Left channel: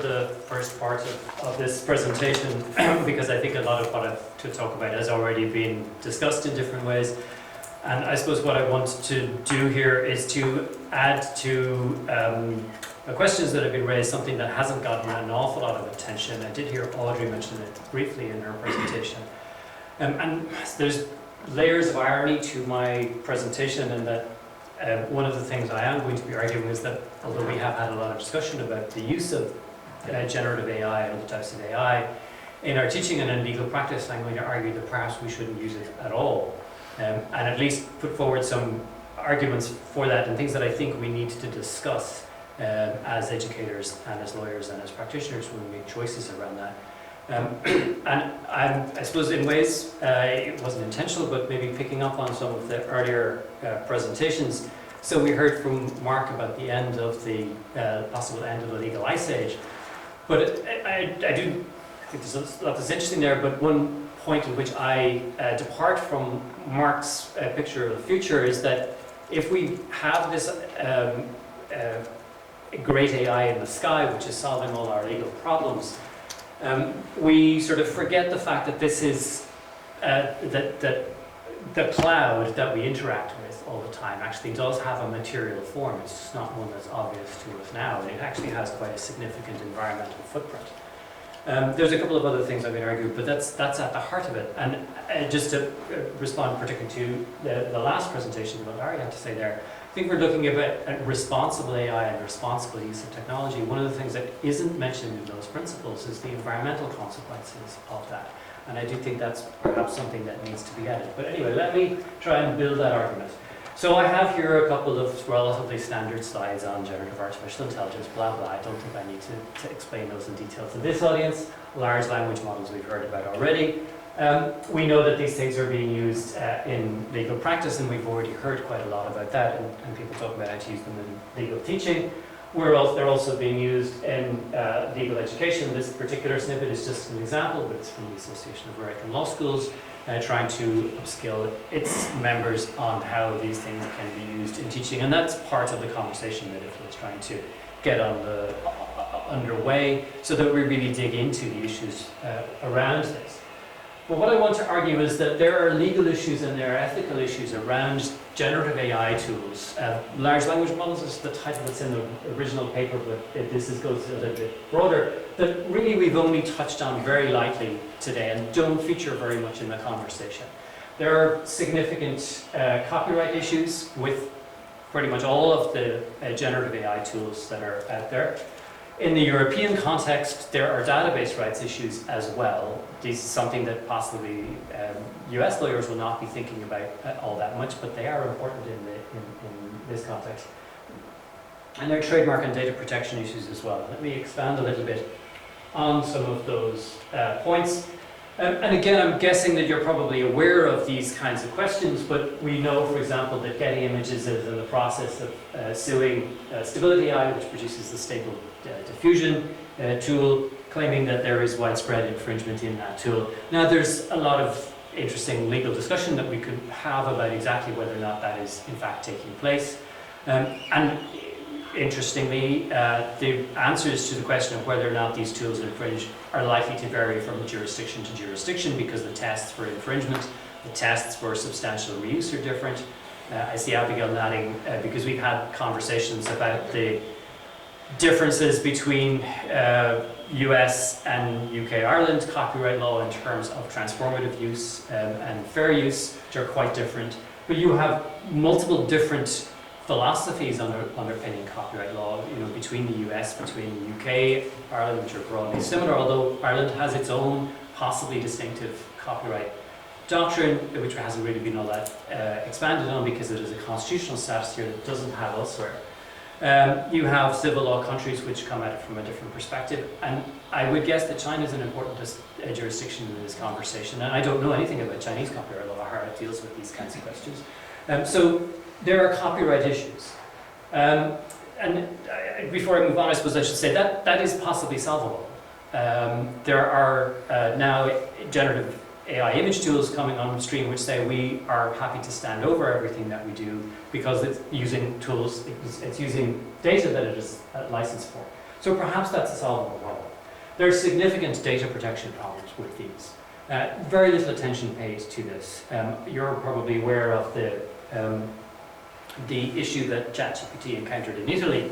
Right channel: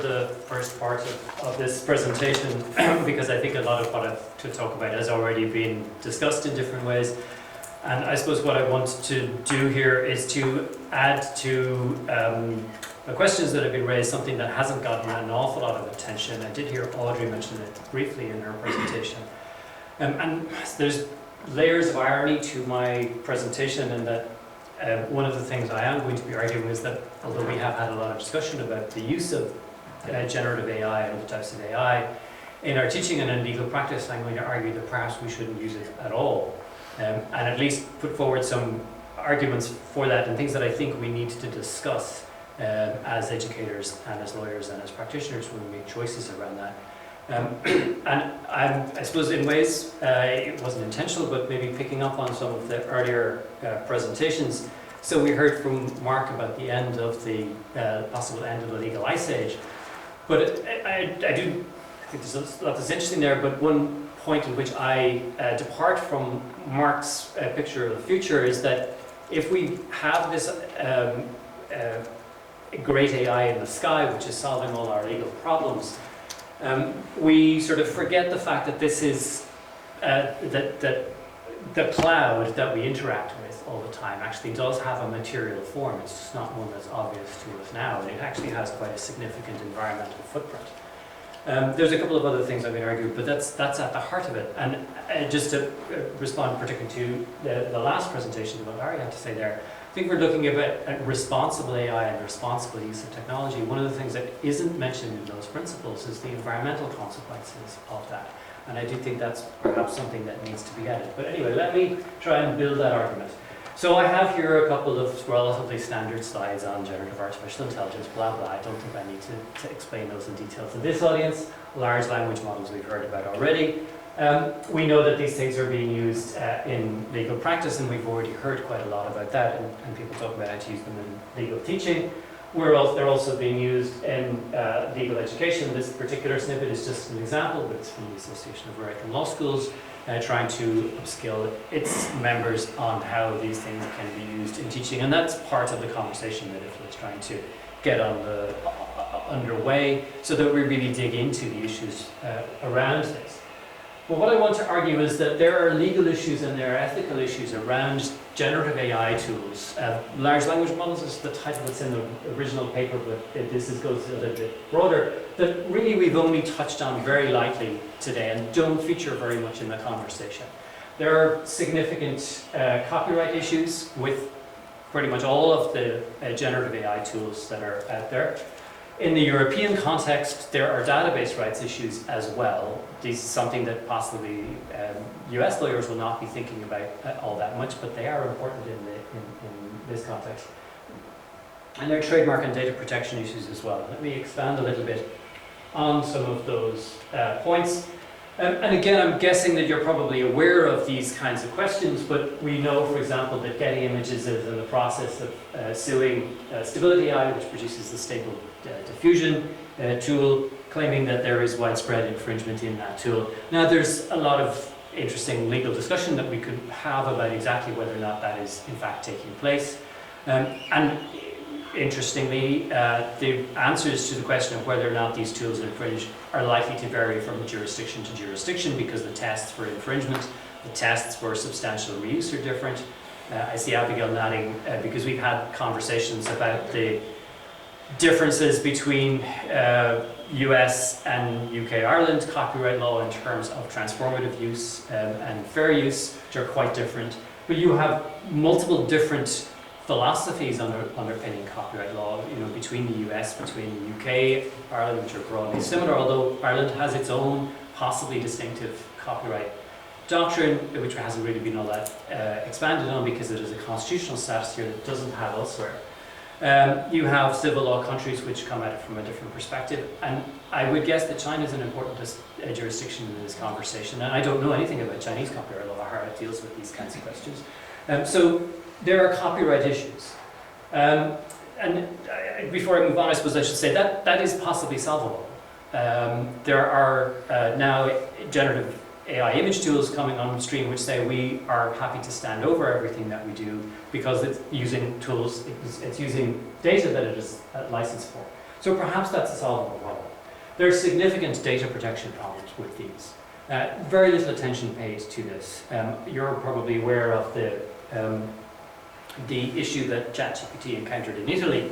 The first part of this presentation because I think a lot of what I have to talk about has already been discussed in different ways, and I suppose what I want to do here is to add to the questions that have been raised something that hasn't gotten an awful lot of attention. I did hear Audrey mention it briefly in her presentation, and there's layers of irony to my presentation in that one of the things I am going to be arguing is that although we have had a lot of discussion about the use of generative AI and other types of AI in our teaching and in legal practice, I'm going to argue that perhaps we shouldn't use it at all, and at least put forward some arguments for that and things that I think we need to discuss as educators and as lawyers and as practitioners when we make choices around that. And I suppose in ways it wasn't intentional, but maybe picking up on some of the earlier presentations. So we heard from Mark about the end of the possible end of the legal ice age. But I do think there's a lot that's interesting there, but one point in which I depart from Mark's picture of the future is that if we have this great AI in the sky, which is solving all our legal problems, we sort of forget the fact that this is, that the cloud that we interact with all the time actually does have a material form. It's just not one that's obvious to us now. It actually has quite a significant environmental footprint. There's a couple of other things I've been arguing, but that's at the heart of it. And just to respond particularly to the last presentation, what Larry had to say there, I think we're looking at responsible AI and responsible use of technology. One of the things that isn't mentioned in those principles is the environmental consequences of that. And I do think that's perhaps something that needs to be added. But anyway, let me try and build that argument. So I have here a couple of relatively standard slides on generative artificial intelligence, blah, blah. I don't think I need to explain those in detail to this audience. Large language models we've heard about already. We know that these things are being used in legal practice, and we've already heard quite a lot about that, and people talk about how to use them in legal teaching. They're also being used in legal education. This particular snippet is just an example, but it's from the Association of American Law Schools, trying to upskill its members on how these things can be used in teaching. And that's part of the conversation that IFLA is trying to get underway so that we really dig into the issues around this. But what I want to argue is that there are legal issues and there are ethical issues around generative AI tools. Large language models is the title that's in the original paper, but this goes a little bit broader, that really we've only touched on very lightly today and don't feature very much in the conversation. There are significant copyright issues with pretty much all of the generative AI tools that are out there. In the European context, there are database rights issues as well. This is something that possibly US lawyers will not be thinking about all that much, but they are important in this context. And there are trademark and data protection issues as well. Let me expand a little bit on some of those points. And again, I'm guessing that you're probably aware of these kinds of questions, but we know, for example, that Getty Images is in the process of suing Stability AI, which produces the Stable Diffusion tool, claiming that there is widespread infringement in that tool. Now, there's a lot of interesting legal discussion that we could have about exactly whether or not that is in fact taking place. And interestingly, the answers to the question of whether or not these tools infringe are likely to vary from jurisdiction to jurisdiction because the tests for infringement, the tests for substantial reuse are different. I see Abigail nodding because we've had conversations about the differences between US and UK Ireland copyright law in terms of transformative use and fair use, which are quite different. But you have multiple different philosophies underpinning copyright law, between the US, between the UK, Ireland, which are broadly similar, although Ireland has its own possibly distinctive copyright doctrine, which hasn't really been all that expanded on because it is a constitutional status here that doesn't have elsewhere. You have civil law countries which come at it from a different perspective, and I would guess that China is an important jurisdiction in this conversation, and I don't know anything about Chinese copyright law or how it deals with these kinds of questions. So there are copyright issues. Before I move on, I suppose I should say that is possibly solvable. There are now generative AI image tools coming on stream which say we are happy to stand over everything that we do because it's using tools, it's using data that it is licensed for. So perhaps that's a solvable problem. There are significant data protection problems with these. Very little attention paid to this. You're probably aware of the issue that ChatGPT encountered in Italy,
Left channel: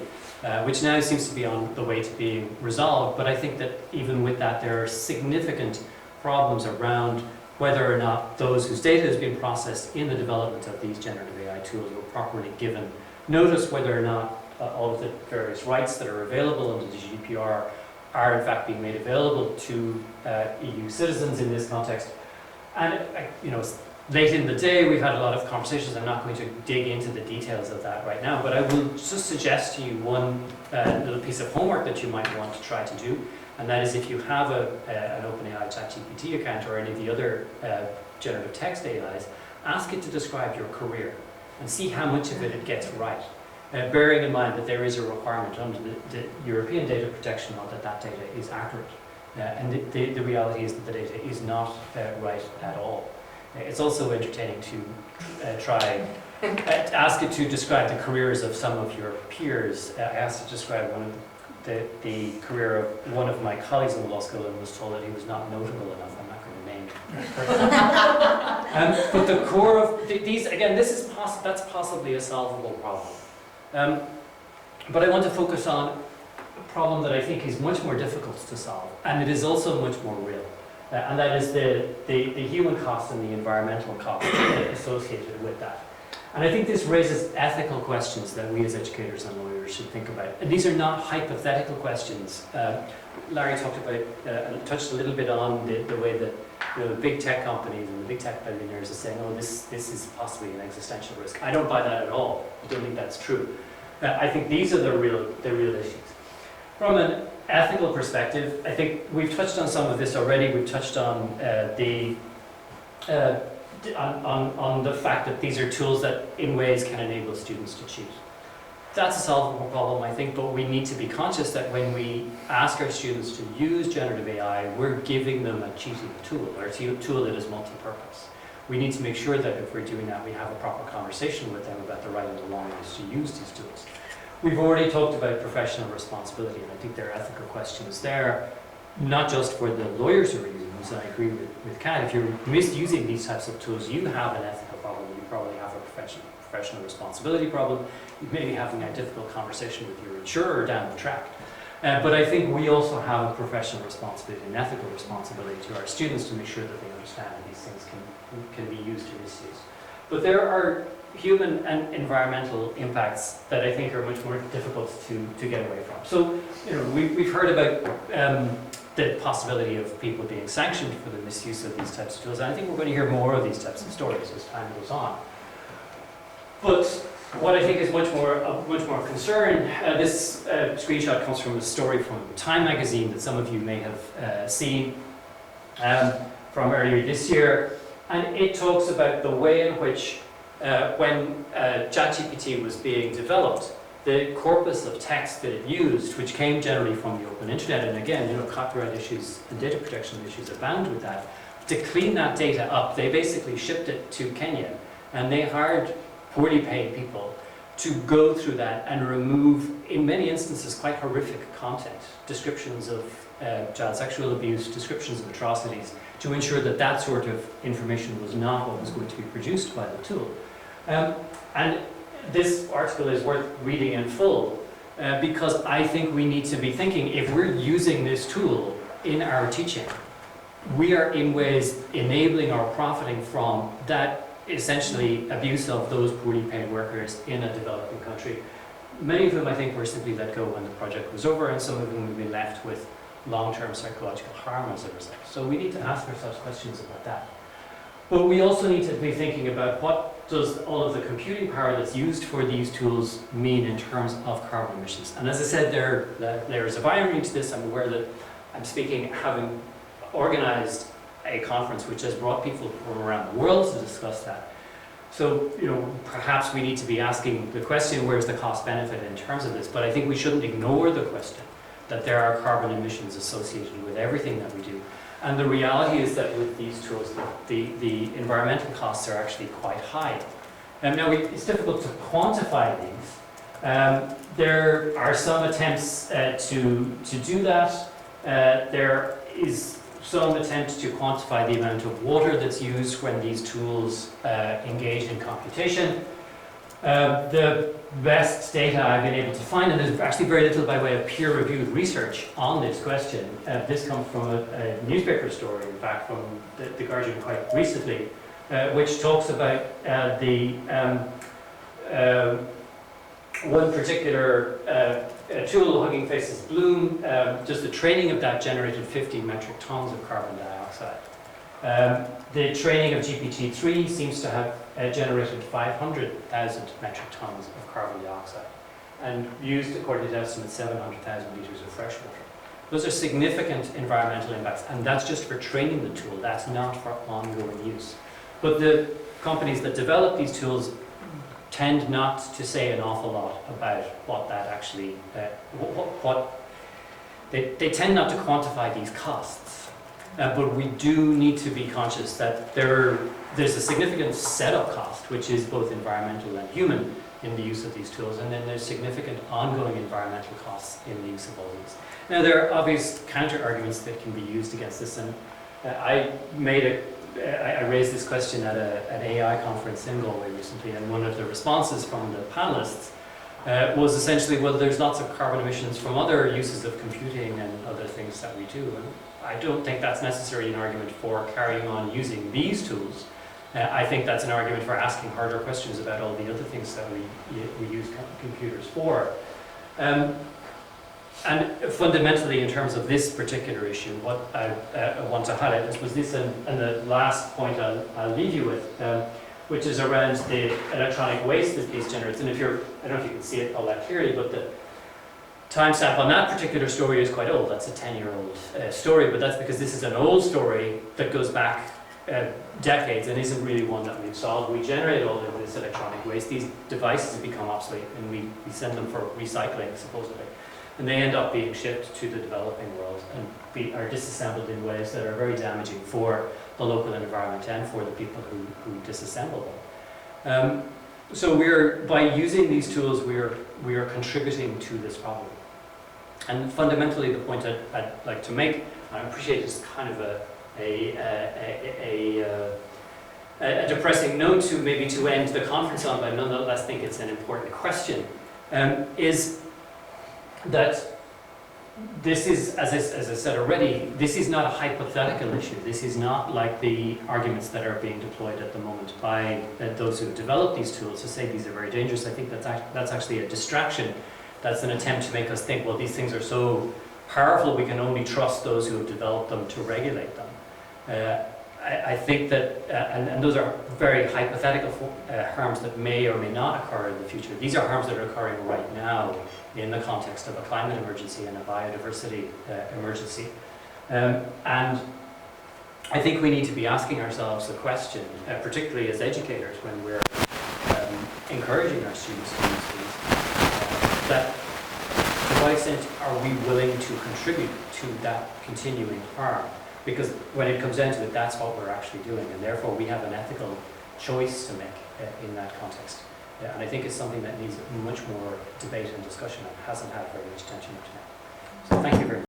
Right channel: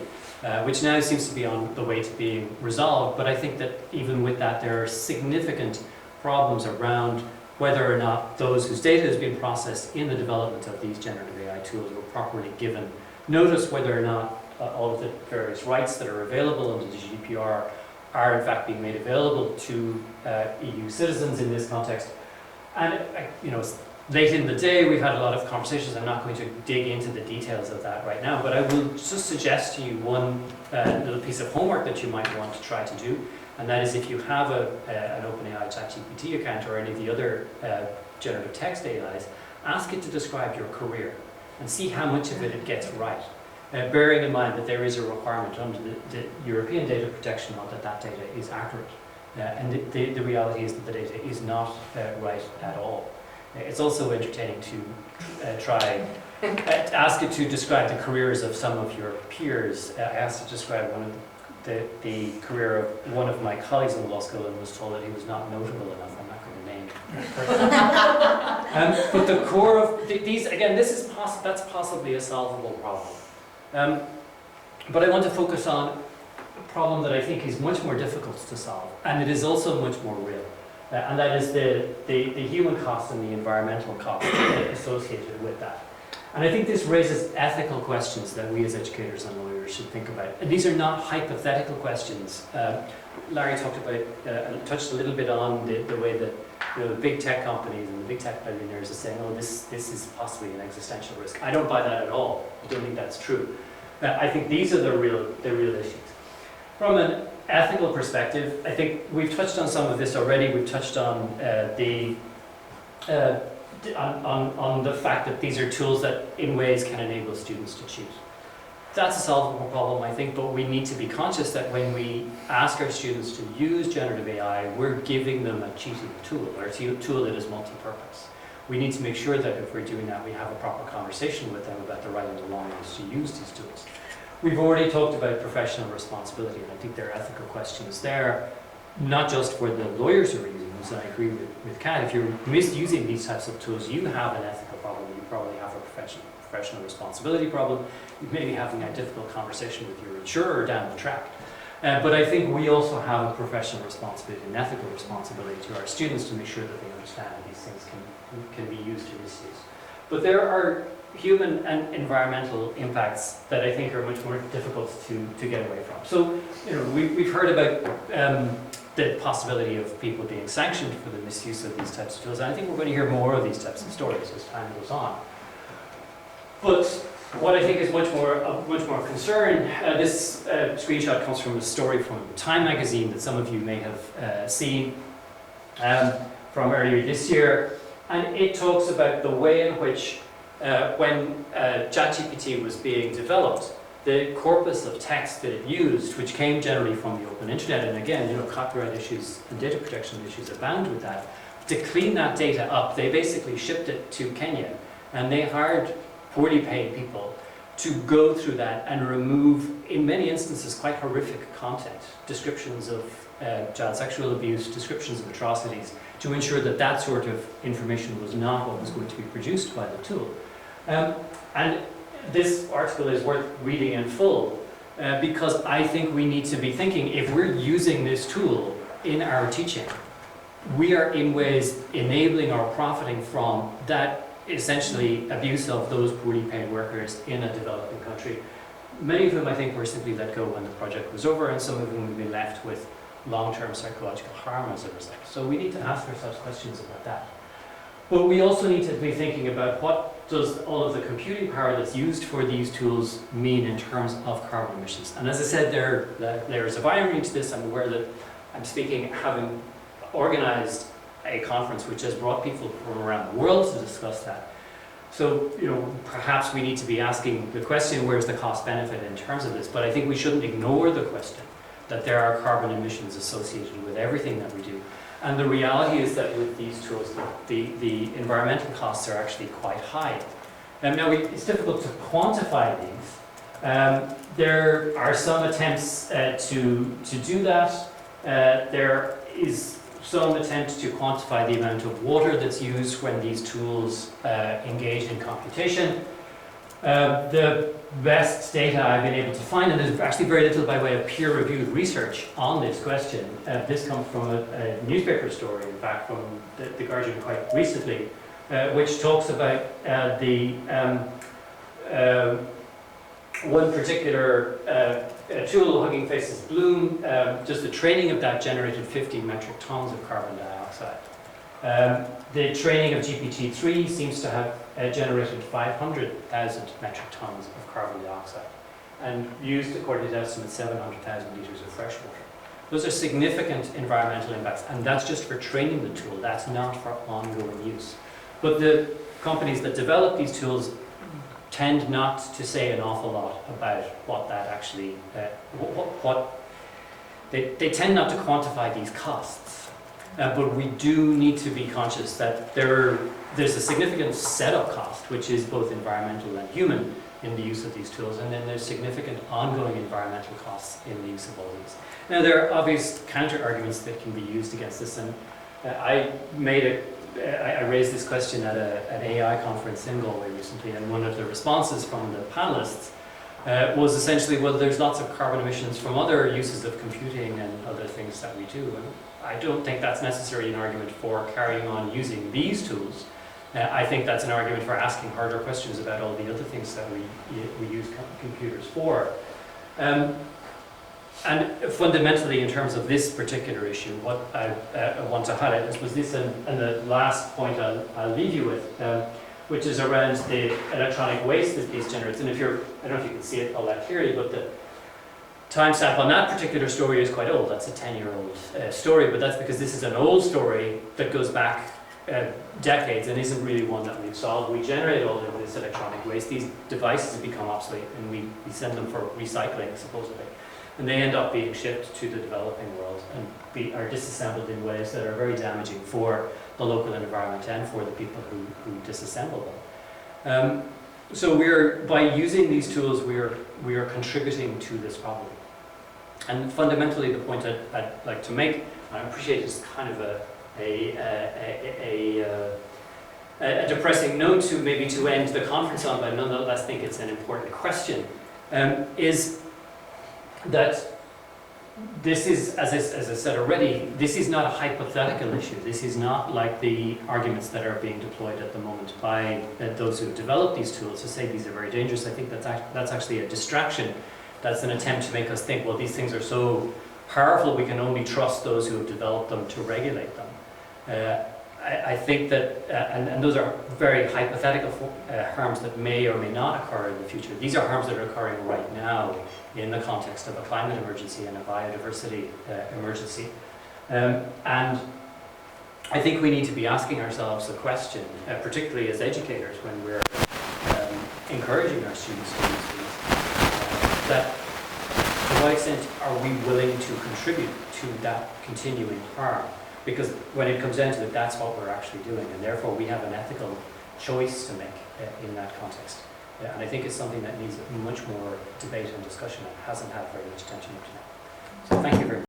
which now seems to be on the way to being resolved. But I think that even with that, there are significant problems around whether or not those whose data has been processed in the development of these generative AI tools were properly given notice, whether or not all of the various rights that are available under the GDPR are in fact being made available to EU citizens in this context. And late in the day, we've had a lot of conversations. I'm not going to dig into the details of that right now, but I will just suggest to you one little piece of homework that you might want to try to do, and that is if you have an OpenAI ChatGPT account or any of the other generative text AIs, ask it to describe your career and see how much of it gets right. Bearing in mind that there is a requirement under the European data protection law that that data is accurate. And the reality is that the data is not right at all. It's also entertaining to ask it to describe the careers of some of your peers. I asked it to describe the career of one of my colleagues in law school and was told that he was not notable enough. I'm not going to name him. But the core of these, again, that's possibly a solvable problem. But I want to focus on a problem that I think is much more difficult to solve, and it is also much more real. And that is the human cost and the environmental cost associated with that. And I think this raises ethical questions that we as educators and lawyers should think about. And these are not hypothetical questions. Larry talked about and touched a little bit on the way that the big tech companies and the big tech billionaires are saying, oh, this is possibly an existential risk. I don't buy that at all. I don't think that's true. I think these are the real issues. From an ethical perspective, I think we've touched on some of this already. We've touched on on the fact that these are tools that in ways can enable students to cheat. That's a solvable problem, I think, but we need to be conscious that when we ask our students to use generative AI, we're giving them a cheating tool, or a tool that is multi-purpose. We need to make sure that if we're doing that, we have a proper conversation with them about the right and the wrong ways to use these tools. We've already talked about professional responsibility, and I think there are ethical questions there, not just for the lawyers who are using them. So I agree with Kat. If you're misusing these types of tools, you have an ethical problem. You probably have a professional responsibility problem. You may be having a difficult conversation with your insurer down the track. But I think we also have a professional responsibility, an ethical responsibility to our students to make sure that they understand that these things can be used or misused. But there are human and environmental impacts that I think are much more difficult to get away from. So, we've heard about the possibility of people being sanctioned for the misuse of these types of tools, and I think we're going to hear more of these types of stories as time goes on. But what I think is much more concern, this screenshot comes from a story from Time magazine that some of you may have seen from earlier this year, and it talks about the way in which when ChatGPT was being developed, the corpus of text that it used, which came generally from the open internet, and again, copyright issues and data protection issues abound with that, to clean that data up, they basically shipped it to Kenya, and they hired poorly paid people to go through that and remove, in many instances, quite horrific content, descriptions of child sexual abuse, descriptions of atrocities, to ensure that that sort of information was not what was going to be produced by the tool. And this article is worth reading in full because I think we need to be thinking, if we're using this tool in our teaching, we are in ways enabling or profiting from that essentially abuse of those poorly paid workers in a developing country. Many of whom I think were simply let go when the project was over, and some of them will be left with long-term psychological harm as a result. So we need to ask ourselves questions about that. But we also need to be thinking about what does all of the computing power that's used for these tools mean in terms of carbon emissions. And as I said, there's a irony to this. I'm aware that I'm speaking, having organized a conference which has brought people from around the world to discuss that. So, perhaps we need to be asking the question, where's the cost benefit in terms of this? But I think we shouldn't ignore the question that there are carbon emissions associated with everything that we do. And the reality is that with these tools, the environmental costs are actually quite high. Now, it's difficult to quantify these, There are some attempts to do that. There is some attempt to quantify the amount of water that's used when these tools engage in computation. The best data I've been able to find, and there's actually very little by way of peer-reviewed research on this question. This comes from a newspaper story, in fact, from the Guardian quite recently, which talks about one particular tool, Hugging Faces Bloom. Just the training of that generated 50 metric tons of carbon dioxide. The training of GPT-3 seems to have generated 500,000 metric tons of carbon dioxide and used, according to estimates, 700,000 litres of fresh water. Those are significant environmental impacts, and that's just for training the tool. That's not for ongoing use. But the companies that develop these tools tend not to say an awful lot about what that actually, they tend not to quantify these costs. But we do need to be conscious that there's a significant setup cost, which is both environmental and human in the use of these tools, and then there's significant ongoing environmental costs in the use of all these. Now, there are obvious counter-arguments that can be used against this, and I raised this question at an AI conference in Galway recently, and one of the responses from the panelists was essentially, well, there's lots of carbon emissions from other uses of computing and other things that we do. And I don't think that's necessarily an argument for carrying on using these tools. I think that's an argument for asking harder questions about all the other things that we use computers for. And fundamentally, in terms of this particular issue, what I want to highlight was this, and the last point I'll leave you with, which is around the electronic waste that these generates. And I don't know if you can see it all that clearly, but the timestamp on that particular story is quite old. That's a 10-year-old story, but that's because this is an old story that goes back decades and isn't really one that we've solved. We generate all of this electronic waste. These devices have become obsolete, and we send them for recycling, supposedly. And they end up being shipped to the developing world and are disassembled in ways that are very damaging for the local environment and for the people who disassemble them. So by using these tools, we are contributing to this problem. And fundamentally, the point I'd like to make, I appreciate it's kind of a depressing note to end the conference on, but nonetheless think it's an important question, is that this is, as I said already, this is not a hypothetical issue. This is not like the arguments that are being deployed at the moment by those who have developed these tools to say these are very dangerous. I think that's actually a distraction. That's an attempt to make us think, well, these things are so powerful, we can only trust those who have developed them to regulate them. I think that, and those are very hypothetical harms that may or may not occur in the future. These are harms that are occurring right now in the context of a climate emergency and a biodiversity emergency. And I think we need to be asking ourselves the question, particularly as educators when we're encouraging our students to use these, that to what extent are we willing to contribute to that continuing harm? Because when it comes down to it, that's what we're actually doing, and therefore we have an ethical choice to make in that context. And I think it's something that needs much more debate and discussion and hasn't had very much attention up to now. So thank you very much.